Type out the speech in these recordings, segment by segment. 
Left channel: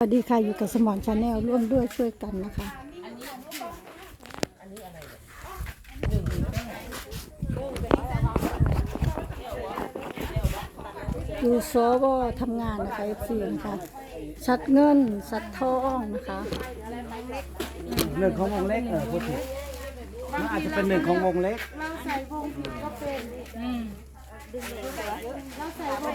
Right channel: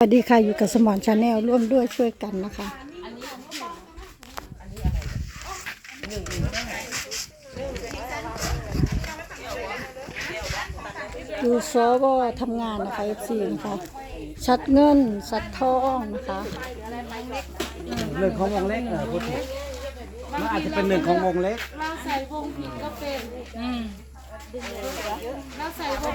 สวัสดีค่ะ อยู่กับสมอนชาแนลร่วมด้วยช่วยกันนะคะ ดูโซวทำงานนะคะ FC นะคะชัดเงินสัดทองนะคะหนึ่งของวงเล็กเออพูดถูกมันอาจจะเป็นหนึ่งของวงเล็ก เราใส่วงผิดก็เป็นเราใส่วง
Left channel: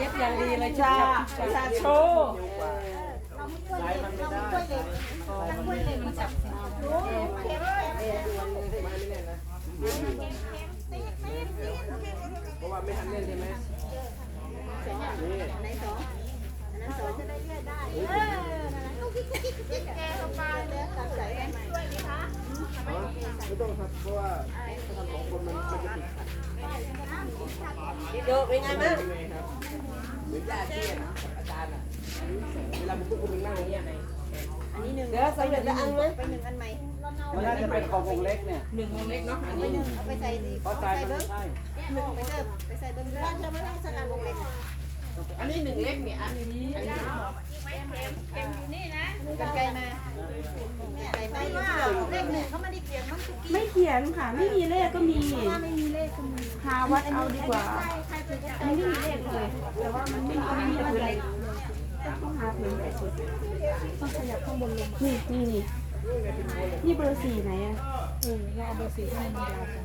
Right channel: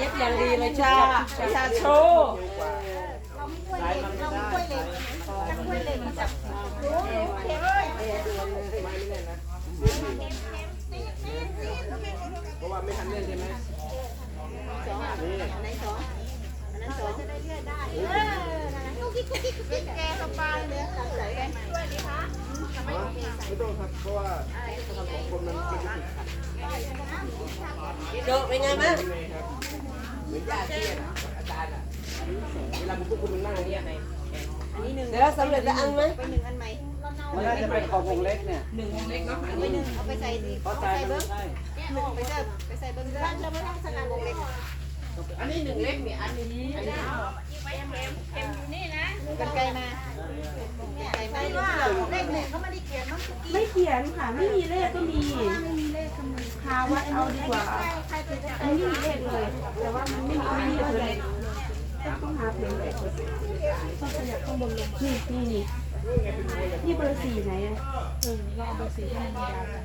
ย็บอย่างดีเลยจ้าชาโชว์ใช้มันไม่ได้ใช้ไม่แน่นนะเพราะว่าไม่ทันเล่นใช่ไหมนี่อ๋อไม่ต้องครับ เพราะว่าถ้าทำของคนมันมันจะติดขัดเจอเป็นไงแม่ยังไง รับเหมือนญาติเชี่ยน่ะกับอาจารย์อะเวลาผมพวกคุณนั่งตรงเนี้ยเดี๋ยวเราใส่เดี๋ยวจะอันไหมไปหนึ่งอันไหมมันน่าจะเป็นของวงเล็กเนี่ยไปหนึ่งเอาไปใส่ดีเพราะเอาใจไปใส่มันเบิ้งไม่ใช่หนึ่งไปเสิร์ฟไปใส่เบิ้งร้านเราไม่ต้องสนามวงเล็ก อันนี้หนึ่งเล็กเนี่ยอันนี้อันนี้เข็มอยู่นี่นะกันไกลมา ไกลมาเล็กเนี่ยเขาไม่ได้เกี่ยวมันไม่เขียนค่ะ ไม่มีเลขก็มีไม่มีเลขก็มีหาวัดเอาดีกว่าใครเป็นอันนี้ไม่มีเลขเลย แต่ว่ามันไม่มีไม่มีเผือเลขต้องหาเผือเลขนี่นี่นี่นี่เบอร์สี่ไหนอะเออเราเอาเบอร์สี่ให้มันยาวจัง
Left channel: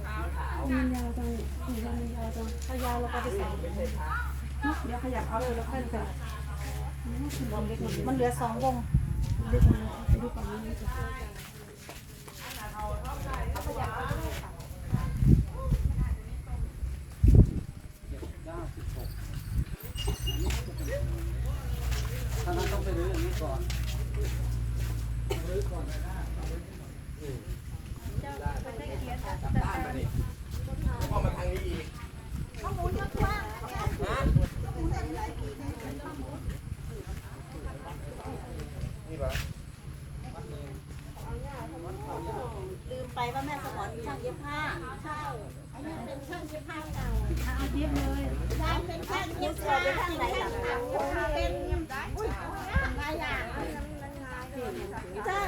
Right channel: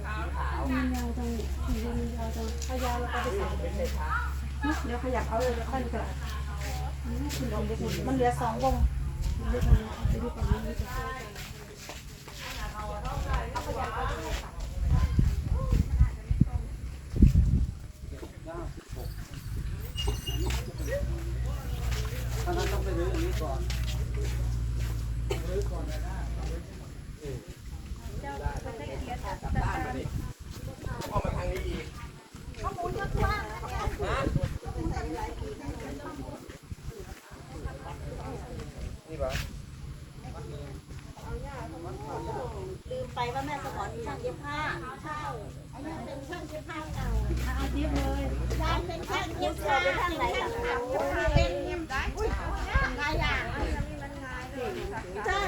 มันยาวจังสี่มันยาวจังถ้ายาวเราก็ไปใส่เดี๋ยวขยับเอาเลยแล้วค่อยจะมันเหลือสองวง เล็กมันไปดูก่อนนี้ดีกว่าถ้างั้นต้องไปรื้ออันนี้ก่อนกลับบ้านมาดิเอมาทางนี้อีก นี่ปะลืมไปว่าแม่สมอนช่างเย็บผ้า ใช่เป็นช่างเย็บผ้าเก่าเย็บเลยร้านเป็นช่างเย็บผ้าเป็นที่ไหนสำคัญเป็นอุ้ยเป็นหลายอย่างจ้า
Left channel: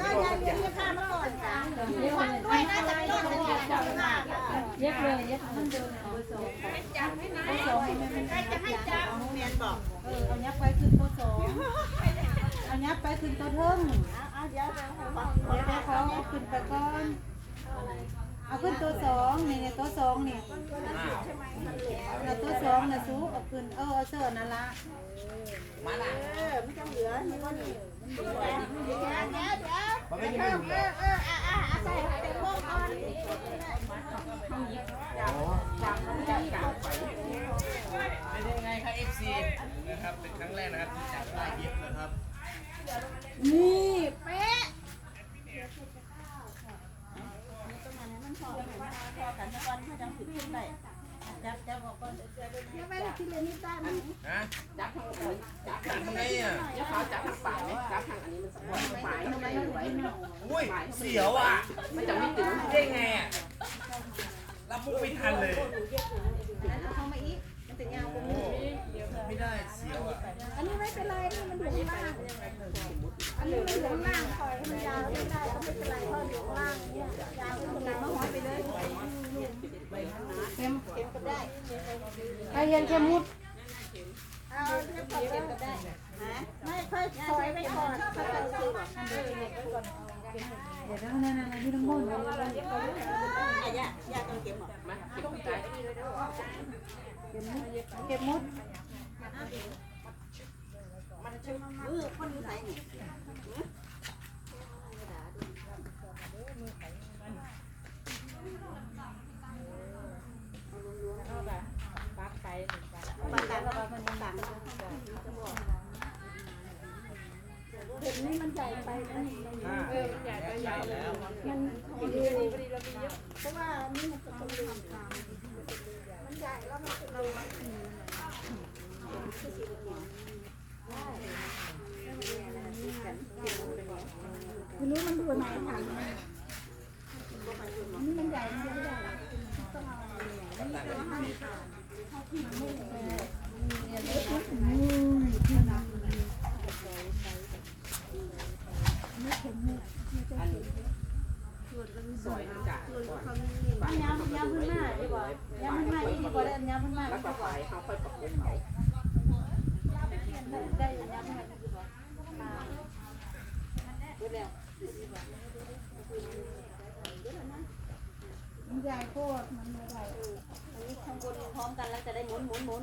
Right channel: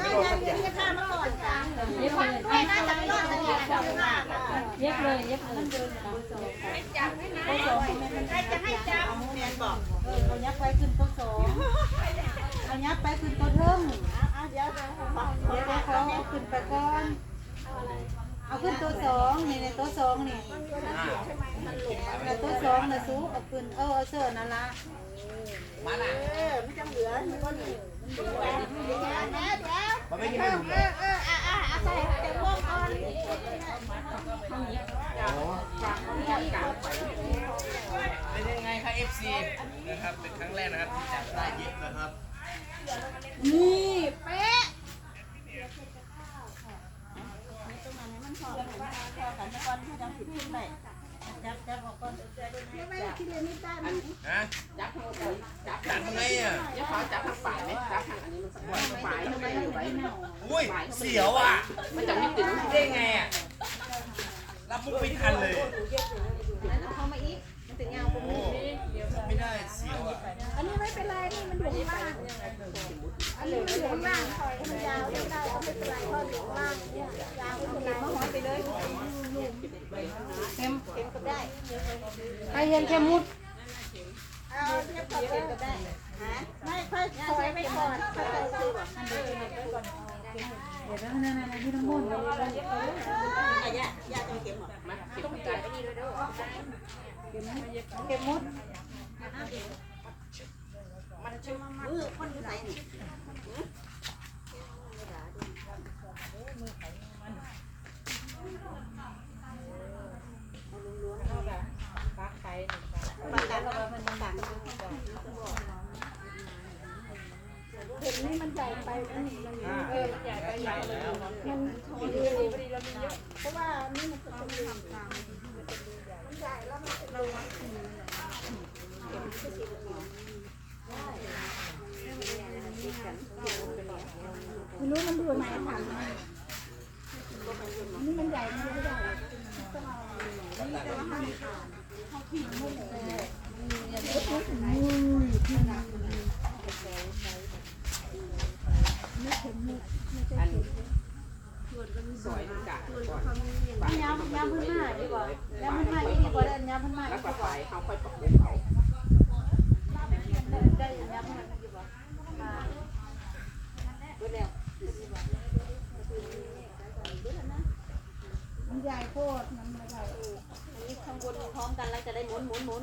จ้ายายเย็บผ้ามาก่อนจ้าเย็บเลยด้วยนะจะไม่รอดเลยเย็บผ้าเย็บเลยเย็บมันเดินใครจะให้จับแมนบอกเอายับไปขึ้นโพสองเอายับ ไปขึ้นตะเทิงเอาเดี๋ยวเดี๋ยวบอกเดี๋ยวเขาเอาขึ้นไปก่อนเอาขึ้นตัวสองนี่ในตัวสองนี่แต่ตัวสองน่ะสูงเอาขึ้นเออเอาเสื้อนั่นละเออมันจะเหลือมันก็นี่มันเหลือเดี๋ยวเดี๋ยวเดี๋ยวเดี๋ยวมันไม่มีไม่หลุดเอเลยอเอออะอะอะใส่เต็มโม่ก่อนอ๋อเป็นยังไงครับ FC นะครับเป็นครั้งแรกนะครับที่จับได้เย็บนะครับ นี่เป๊ะจับจับออกก่อนไม่ได้กินเลยนี่ได้ไหมฮะจับทางจับยังไงอะจับทาจับทางปากไหมจับทางอันนี้มันสักหน่อยปลายทำไมอยู่ไว้อุ้ย เสียวอะ มันจะไม่ติดได้ไงอะ รับมุกไม่ทันเลย เอาเข้ามาอีก มันจะยาวกว่าโอ้นี้ไม่ได้เสียวอะอันนี้ไม่เป็นไรนี่มันอยู่ข้างล่าง อันนี้มันอยู่ข้างล่างคอยให้มันยาวได้ได้ก็ไม่เป็นไรเพราะอยู่ข้างล่างเนี่ยยาวเอาเข็มมาห้อยไปเลยเข็มเข็มก็ได้ใครเห็นแค่มุดเอาเทียบกับเข็มก็ได้ฮะไม่ค่อยคอยไปก่อนค่อยๆซื้อก่อนเดี๋ยวนั่นนั่นนั่นที่ทั้งหมดอะย่าย่าต้องเข็มหรอมาเข็มก็ได้ เก็บมุดมือคนอยู่ไหนนี่เอาล้วงๆเข้าไปปักไปหนึ่งกันปักไปเพราะว่ามันต่างกันเห็นนี่มันใหญ่ไปมันเออมันใหญ่ไปใหญ่เลยมันพอดีเรามีเยอะเพราะว่านี่มันจะเป็นรูมันใหญ่แล้วมันเป็นรู ไม่รู้มันดูไหนถังนี่มันใหญ่มันไม่ได้ต้องเอาสวยมันกะก่อน ย้ำย้ำพื้นหน้าดีกว่าย้ำพื้นหน้าดีกว่าย้ำพื้นหน้า แล้ว ดี ก็ ก ไป ว่า เขาค่อยประกบเขา ได้ได้ย้ำพื้นหน้าดีกว่ามาเบิดแล้วมันใหญ่โคตรมันไม่ใหญ่ อันนี้ข้างบนพร้อมกันแล้วจะได้หมุนหมุนหมุน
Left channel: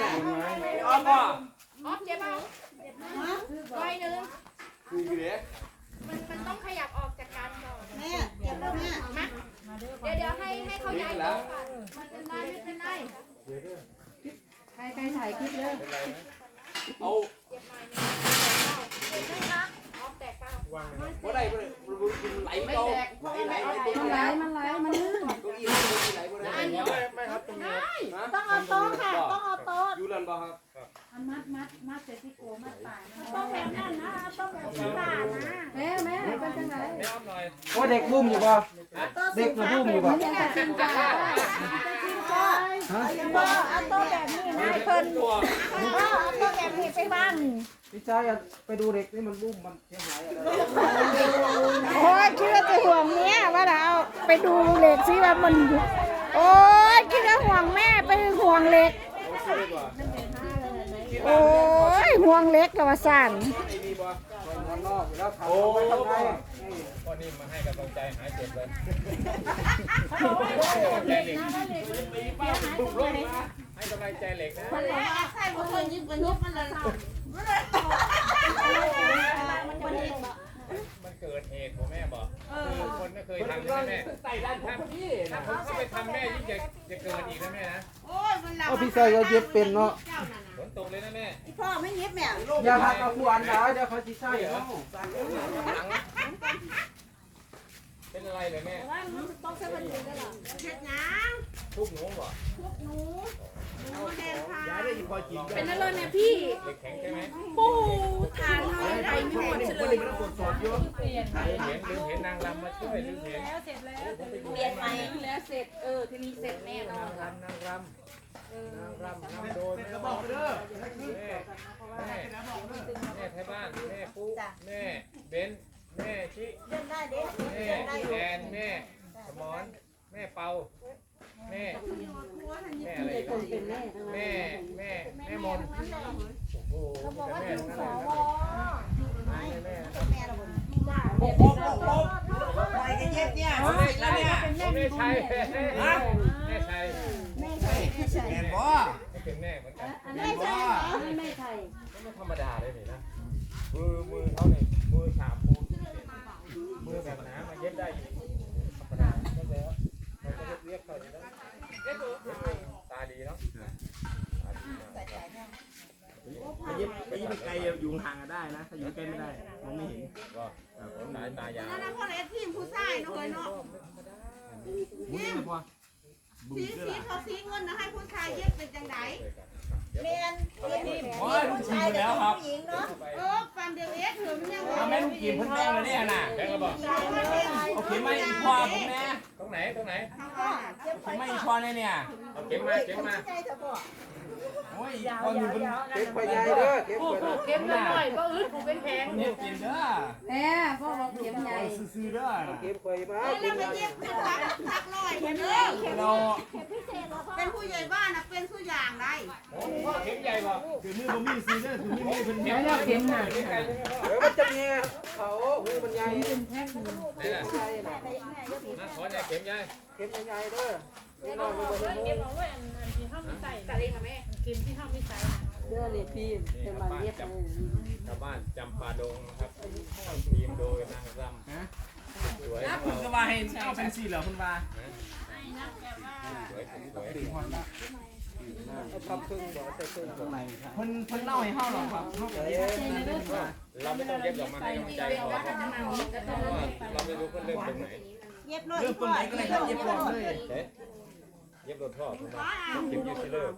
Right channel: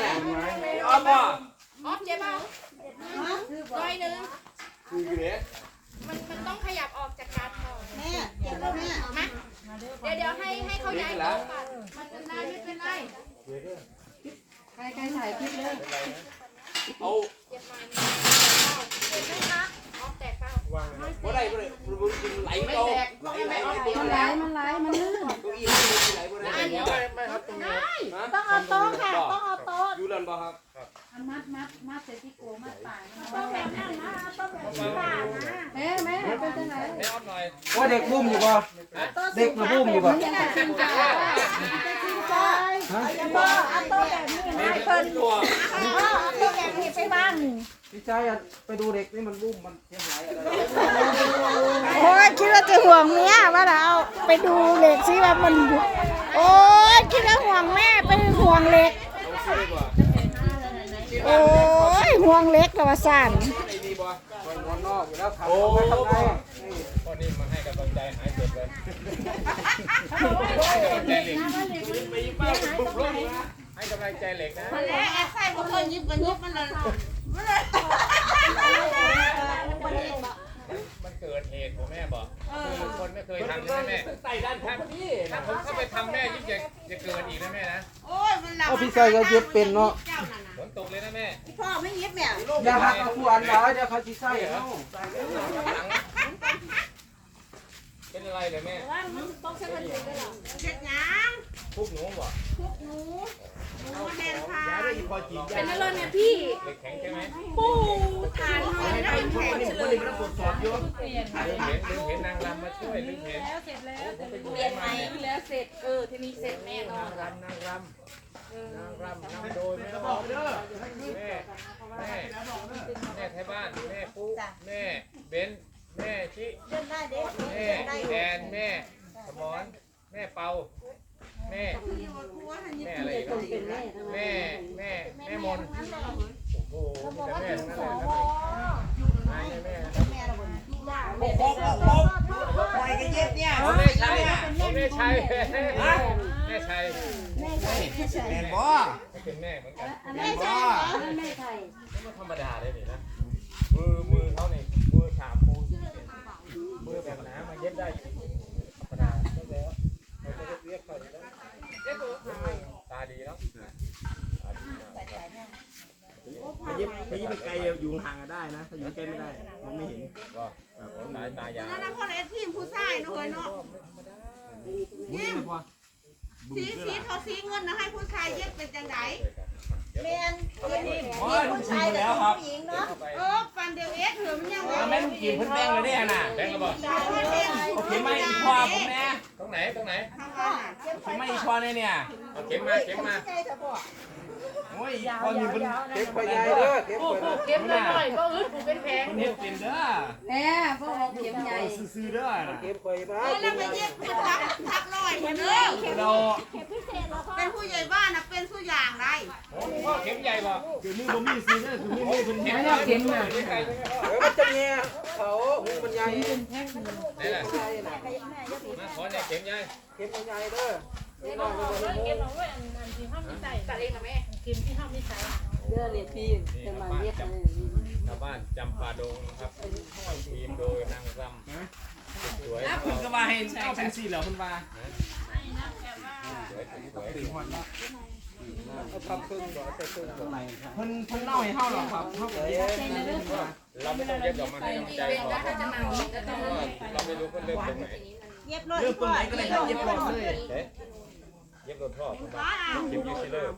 แหละอ้อมบ่คือเด็กมันมันต้องขยับออกจากกันก่อแม่เจ็บแล้วแม่เดี๋ยวเดี๋ยวให้ให้เขาย้ายแล้วมันเป็นได้ไม่เป็นไรใครใครถ่ายคลิปเลยเอา แต่ก็ บ่ได้บ่ได้บ่กินไหลไม่แตกไหลมันไหลมันไหลมันลื่นเก้าอี้มันบ่ไหลบ่ได้เดี๋ยวต้องเอาโต๊ะค่ะต้องเอาโต๊ะอยู่นั่นบ่ครับมัดมัดมัดใส่ที่โกมัดปลายต้องแบบนั้นนะต้องแบบนี้นนะแม่แม่เป็นจังไรว่าเด็กบุ้มอยู่ป่เด็กมาบุ้มอยู่ป่ยังจะชิมจ้าจะชิมจ้าฮะพ่เอาโต๊ะแบบนี้นะเพิ่นบ่เอาโต๊ะแบบนี้ไป พี่ชายอยากไปดูเด็กนี่มันบุ้มมันเสียหายอะไรโอ้ยคิดว่าจะห่วงเมียว่าเราไปดูเหล็กสิว่ามันอยู่โอ้ยคิดว่าห่วงแม่ไปห่วงเหล็กเอาซื้อดีกว่าโอ้ยห่วงเหล็กกับว่าสั่นไอ้นี่บ่คนนอกอยู่แล้วขับโอ้รถไปบ่ข้างในไปป้าบุกรถมาใส่บ่เคยยิบกันยิบมันเลย มันเกิดเหตุของแม่บอกคือคนไม่เคย เพิ่น ทำ กำลั นะ ง แม่ใส่ด้านผมพอดีถ้าผมเข้าไปทำแม่ยิ่งจะจะเกินอีกนะแม่นะโอ้ยมันหลับเอาพี่ชายก็เย็บเป็นเนาะเจ้านั่นน่ะฝนตกเลยนะแม่พ่อไม่ยิบแม่อย่าหักเอาผู้อันร้ายเดี๋ยวเขาจะใส่เอา เป็นอะไรเลยแม่ว่ามันจะต้องใช้มันอยู่ด้วยหรอเฮ็ดหยังทุกหนูบอกหนูหนูแม่นค่ะยาได้อีพอจริงเป็นอะไรแม่พี่เด็กแข็งใช่ไหมปูทานหน่อยให้ได้เพิ่นคนนี้คนนี้มันต้องตรวจสอบอยู่ลืมเห็นลืมเห็นนางรำมาช่วยลืมเห็นเปลี่ยนใหม่แล้วเสร็จเออทีนี้เสร็จแน่นอนล่ะนางรำนางรำโดนแม่ร้องแม่แม่แม่ไทยบ้านแม่ปุ๊แม่เบนแม่ ชิเดินได้เด็กแม่เดินได้อยู่แอนแม่สมอนแม่เปาแม่แม่อะไรแม่แม่แม่มนโอ้โหเราบอกว่าแม่ถึงทั้งสนั้นวแม่เป็นแม่เราบนที่ได้โอ้โหโอ้โหปล่อยกันเย็บเนี่ยสำเร็จแล้วเนี่ยแม่ชัยแม่ชัยแม่ใช่แม่ใช่แมนบ่เป็นแม่เหมือนกันแมนบ่แม่ไทยไม่ธรรมดาเลยนี่นะมือมือเขาเนี่ยมือฉาบปู มือแบบหนามาเย็บได้อีกธรรมดาแล้วแล้วเราจะเรียกเขาดีแล้วเย็บเองตาดีเนาะตาดีมากครับไปยิบไปยิบไกลอยู่ห่างกันได้นะ ถ้าอยู่ใกล้ไม่ได้มองไม่เห็นว่าสายตายาวนั่นคนเอ็ดทีมผู้ชายเนาะเฮ้ยเนาะมุ้ยไม่พอบุ้สีมด้วยสีล่ะเขาสีเงินนะให้ผู้ชายเย็บเป็นจังได แม่นเป็นผู้ชายแต่เป็นผู้หญิงเนาะเออฟันเดียวเอ็ดเถื่อนมันยังทำแม่ลูกกีบเพิ่นแป้งเลยเนี่ยน่ะแบงค์ระบอกเอาเข็มมาอีกพ่อผมแน่ตรงไหนตรงไหนเจ็บเข็มมาอีกพ่อเนี่ยเนี่ยเอาเข็มมาเข็มมา ใจเถอะพ่อโอ้ยพอนี่มันเก็บไปใหญ่เด้อเก็บไปนะเก็บได้หน่อยก็อึดกูเป็นแพงมันเฮ็ดเป็นเด้อแหมพวกเราเข็มใหญ่ซื่อๆเด้อน่ะเก็บไปมาเก็บใหญ่เข็มเลยเข็มเราเป็นผู้ใหญ่บ้านนะเป็นผู้อย่างได้เข็มใหญ่บ่คือมือบ่มีซื้อเด้อคือมือมีเพิ่นเฮ็ดแล้วเข็มมาเดี๋ยวมันจะแง่เขาหูมันใหญ่นี่แหละใหญ่น่ะมาขอเนี่ยเข็มใหญ่เก็บใหญ่เด้อ นี่น้ยมันบ่เห็นหูเด้อเลยพี่เป็นมาเรียกเลยชาวบ้านจำปาดงนะครับทีมโดยนางรำสวยนะเพิ่นก็ว่าให้เอาเป็นสี่แล้วเพิ่นว่าปีกหัวเนาะเอาทับครึ่งบ่ใส่ครึ่งข้างในครับเพิ่นเนเล่าให้เฮาหรอครับเฮาก็เฮ็ดให้เพิ่นว่าเราไม่ต้องเย็ดดอกมาให้กำลังใจพอเราไม่รู้ว่าเริ่มตรงไหนเย็บเลยเริ่มตรงไหนก็ได้ครับเย็บรอบเลย เย็บรถท่อผมว่าเข็มยูซิเลอร์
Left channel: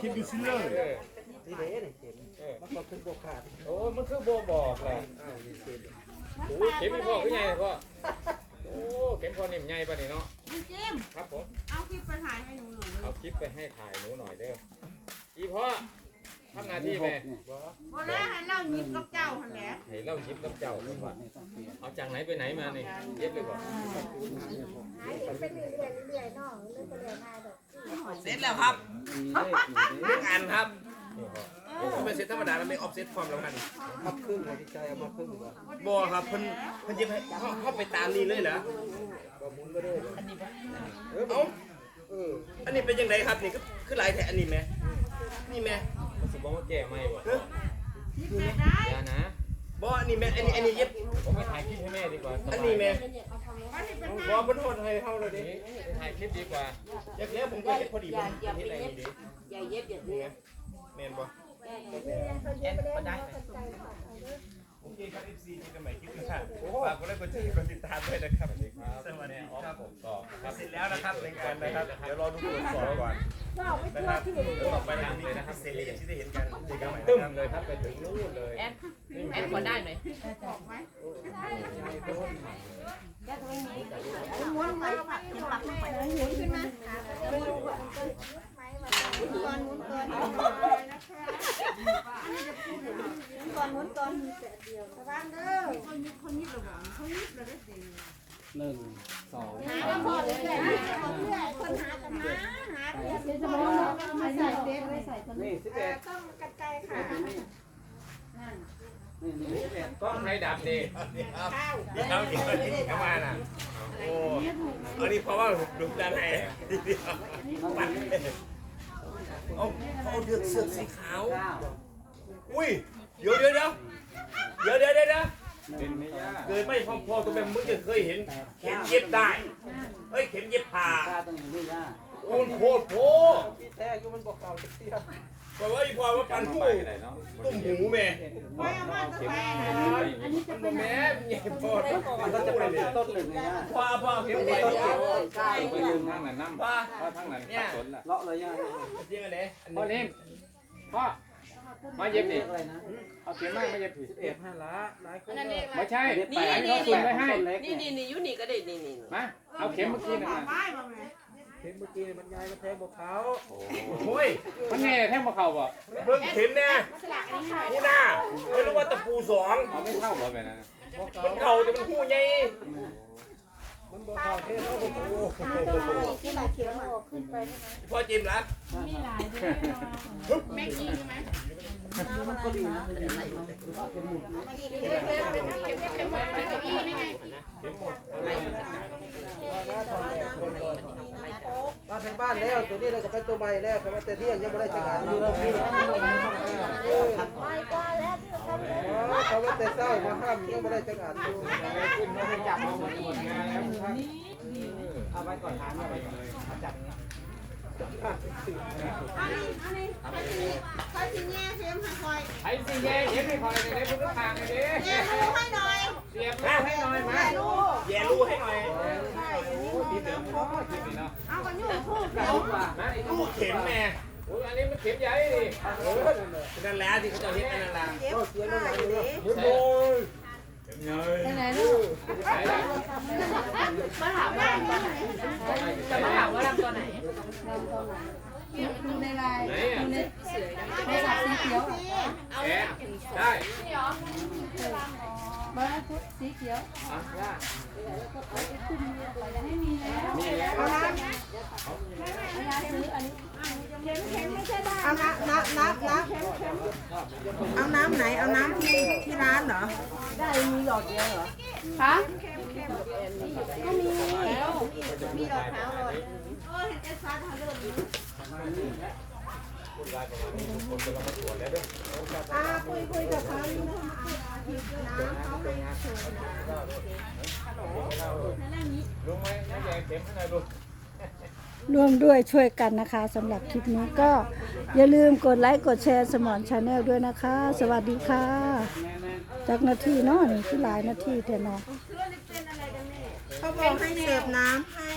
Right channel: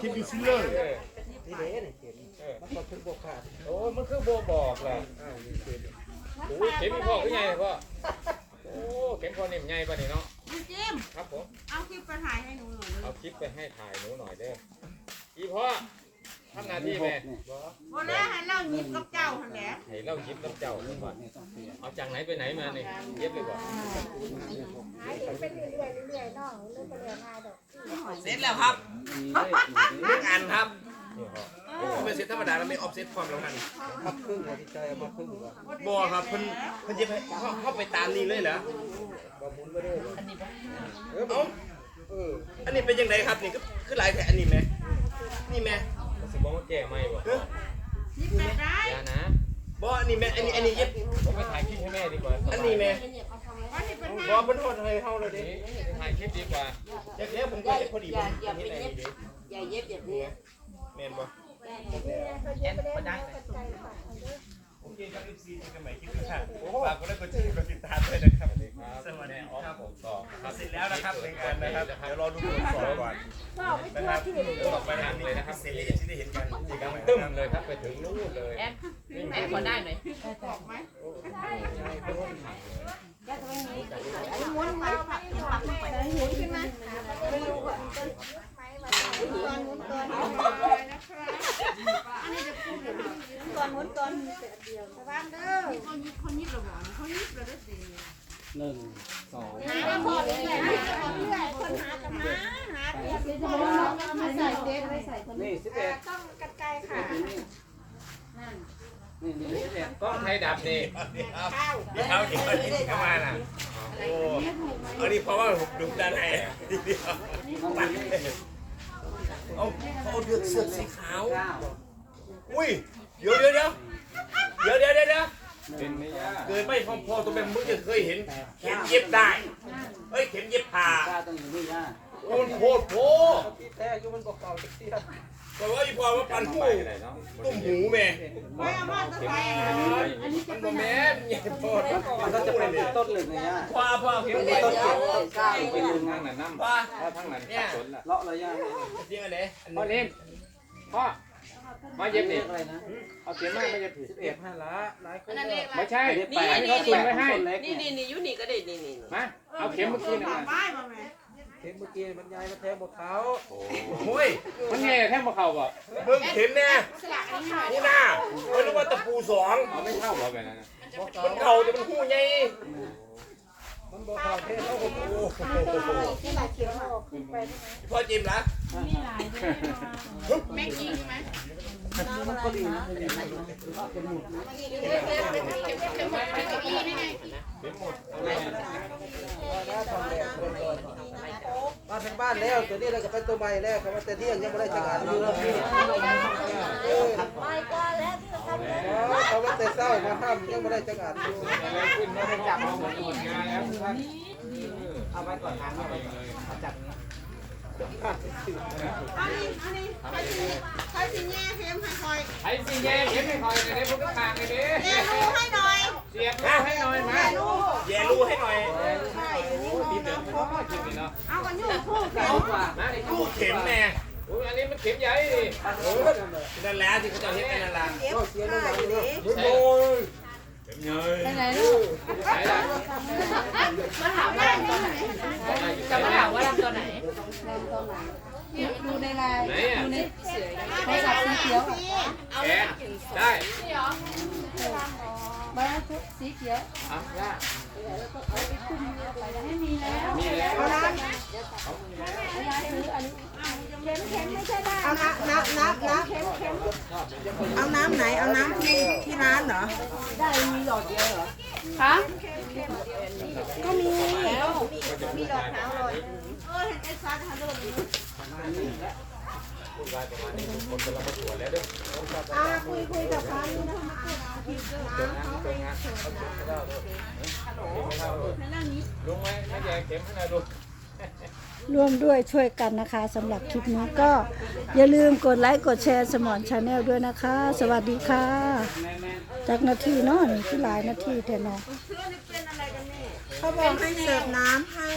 คิดดูซิเลอร์นี่เด้นี่เห็นมันก็คือโบกขาดโอ้มันคือโบบอกแหละอ้คือโอ้เข็มพ่อคือไงพ่อโอ้เข็มพ่อนี่ไงป่ะนี่เนาะจิ้มครับผมเอาคลิปไปถ่ายให้หนูหน่อยเอาคลิปไปให้ถ่ายหนูหน่อยเด้ออีพ่อ ทำหน้าที่แม่โบแล้วให้เล่ายิบกับเจ้าคนแหละให้เล่าคลิปกับเจ้าเพิ่นว่าเอาจากไหนไปไหนมานี่เย็บเลยบ่หาเห็นไปเรื่อยๆเรื่อยๆน้องเรื่อยไปเรื่อยง่ายดอกเสร็จแล้วครับมีเลขนี่หนึ่งอันครับนี่พ่อไม่เสร็จธรรมดาแล้วไม่ออฟเซตความสำคัญทับครึ่งบ่ที่ใจเอามาครึ่งบ่บ่ครับเพิ่นเพิ่นเย็บให้เฮาเฮาไปตามนี้เลยเหรอบ่หมุนบ่ได้บ่เออ เอ้าเอออันนี้เป็นยังไงครับนี่ก็คือหลายแท้อันนี้แม่นี่แม่มันสิบอกว่าแก้ไม่บ่เอ้ออย่านะบ่อันนี้แม่อันนี้อันนี้เย็บผมไปถ่ายคลิปให้แม่ดีกว่าอันนี้แม่บ่เพิ่นโทษให้เฮาเลยดินี่ไปถ่ายคลิปดีกว่าเดี๋ยวเดี๋ยวผมก็เฮ็ดพอดีผมเฮ็ดอะไรนี่ดิอย่าเย็บอย่านี่เย็บไงแม่นบ่เย็บไปได้ใจค่ะ โอเคครับ FC เจอกันใหม่คลิปหน้าฝากกดไลค์กดแชร์กดติดตามด้วยนะครับ สวัสดีครับผมต่อเสร็จแล้วนะครับในงานนะครับ เดี๋ยวรอดูตรวจสอบก่อนนะครับเดี๋ยวต่อไปเราจะมีคลิปพิเศษให้ FC ได้เห็นกันเจอกันใหม่ตึ้นะมครับ เลยครับไปถึงนู่นเลยแอนแอนพอได้ไหมม้วนมาผัดผักแม่หมุนขึ้นมาหาก็เรียกว่าหมุนต้นไม้มาหมุนก่อนหมุนก่อนหมุน ก่อนหมุนก่อคนระวังเด้อหนึ่งสองหาแล้วพอเรื่อยๆเรื่อยคนหากันหาหาเรียบจะบอกว่าไม่ใส่เด็กไม่ใส่คนนี่สิบเอ่เอ็อดต้องกันไกลค่ะนี่นต้องใช้ดับนี่เดี๋ยวเดี๋ยวเดี๋ยวเดี๋ยวมาน่ะโอ้อันนี้เพราะว่าดุด้านในปัดเลยเอาเขาเอาเดือกเสื้อสีขาว อุ้ย เดี๋ยวเดี๋ยวเดี๋ยวเดี๋ยวเดี๋ยวเดี๋ยวเดี๋ยวเคยไม่พอพอตัวเป็นมึงจะเคยเห็นเข็มเย็บได้เอ้ยเข็มเย็บผ่าต้องอยู่ไม่ยากโอ้โหโถที่แท้อยู่มันบอกเก่าเสียบอกว่าอีพอว่าปันหูตุ้มหูแม่แม่มาจะไปมันบ่แม่นอย่าโทษมันก็จะเป็นต้นหนึ่งเลยยาพอพอเข็มเย็บเอาไปยืนทางนั้นน้ำว่าถ้าทางนั้นสับสนละเลาะเลยยากเดี๋ยวไหนพ่อเล่นพ่อ มาเย็บนี่อะไรนะเอาเข็มมาไม่เย็บผิดสิบเอ็ดห้าละหลายคนเลยไม่ใช่นี่อันนี้เขาซุนไว้ให้นี่นี่นี่ยูนี่ก็ได้นี่นี่มาเอาเข็มเมื่อกี้นะมาไม้บ่แม่เข็มเมื่อกี้มันยายมาแทงบกเขาโอ้ยมันไงแท่งบ่เข่าบ่เบิ่งเข็มแน่หูหน้าไม่รู้ว่าตะปูสองเอาไม่เข้าบ่แบบนั้นนะมันเข่าแต่มันหูใหญ่ พอจิ้มละมีหลายด้วยแม่กินไหมมันก็ดีนะเป็นอย่างนี้เป็นห มุดเด็กๆเป็นเด็กๆเป็นเด็กๆนี่ไงมาถึงบ้านแล้วตัวนี้เราจะไปตัวใหม่แล้วเขาว่าจะเที่ยงยังไม่ได้จัดการอยู่แล้วพี่เออไปก่อนแล้วที่เขาทเขาว่าแต่เศร้ามาห้ามยังไม่ได้จัดการอยู่ขึ้นไม่ได้จับของมันอีกแล้วเอาไว้ก่อนทางเอาไว้ก่อนจัดเนี้ยำอันนี้อันนี้ใครสิใครสิแง่เข็มให้คอยไอ้สิแย่เข็มให้คอยกันได้พวกกลางกันดิแง่รู้ให้หน่อย เสียบให้หน่อยแง่นะรู้แย่รูให้หน่อยใช่อันนี้ดีเดือดเขาคิดนี่เนาะเอากันอยู่คู่เข็มนะไอ้ลูกเข็มแน่โอ้ยอันนี้มันเข็มใหญ่ดิเออนั่นแหละที่เขาจะเห็นนั่นแหละเข็มเสียงมันหลังเลยมุดโมยไปไหนลูกไหนล่ะมาถามว่าลำตัวไหนจะมาถามว่าลำตัวไหนลำตัวไหนดูในลน์ดูในโทรศัพท์สีเขียวอะแกได้ บ้าทุกสีเขียวไม่มีแล้วมีแล้วเอาน้ำเอาน้ำน้ำน้ำน้ำเอาน้ำไหน เอาน้ำที่ที่ร้านเหรอ คะอ่าคุยคุยกับเขานี่นะคะอ่าผิด น้ำเขาให้เชิญนะลุงไหมน้ำใหญ่เข็มนะลุงร่วมด้วยช่วยกันนะคะสำหรับคลิปนี้ก็อย่าลืมกดไลค์กดแชร์สมอนชาแนลด้วยนะคะ สวัสดีค่ะ จากนาทีเนาะนี่คือหลายนาทีแต่เนาะเขาบอกให้เสิร์ฟน้ำให้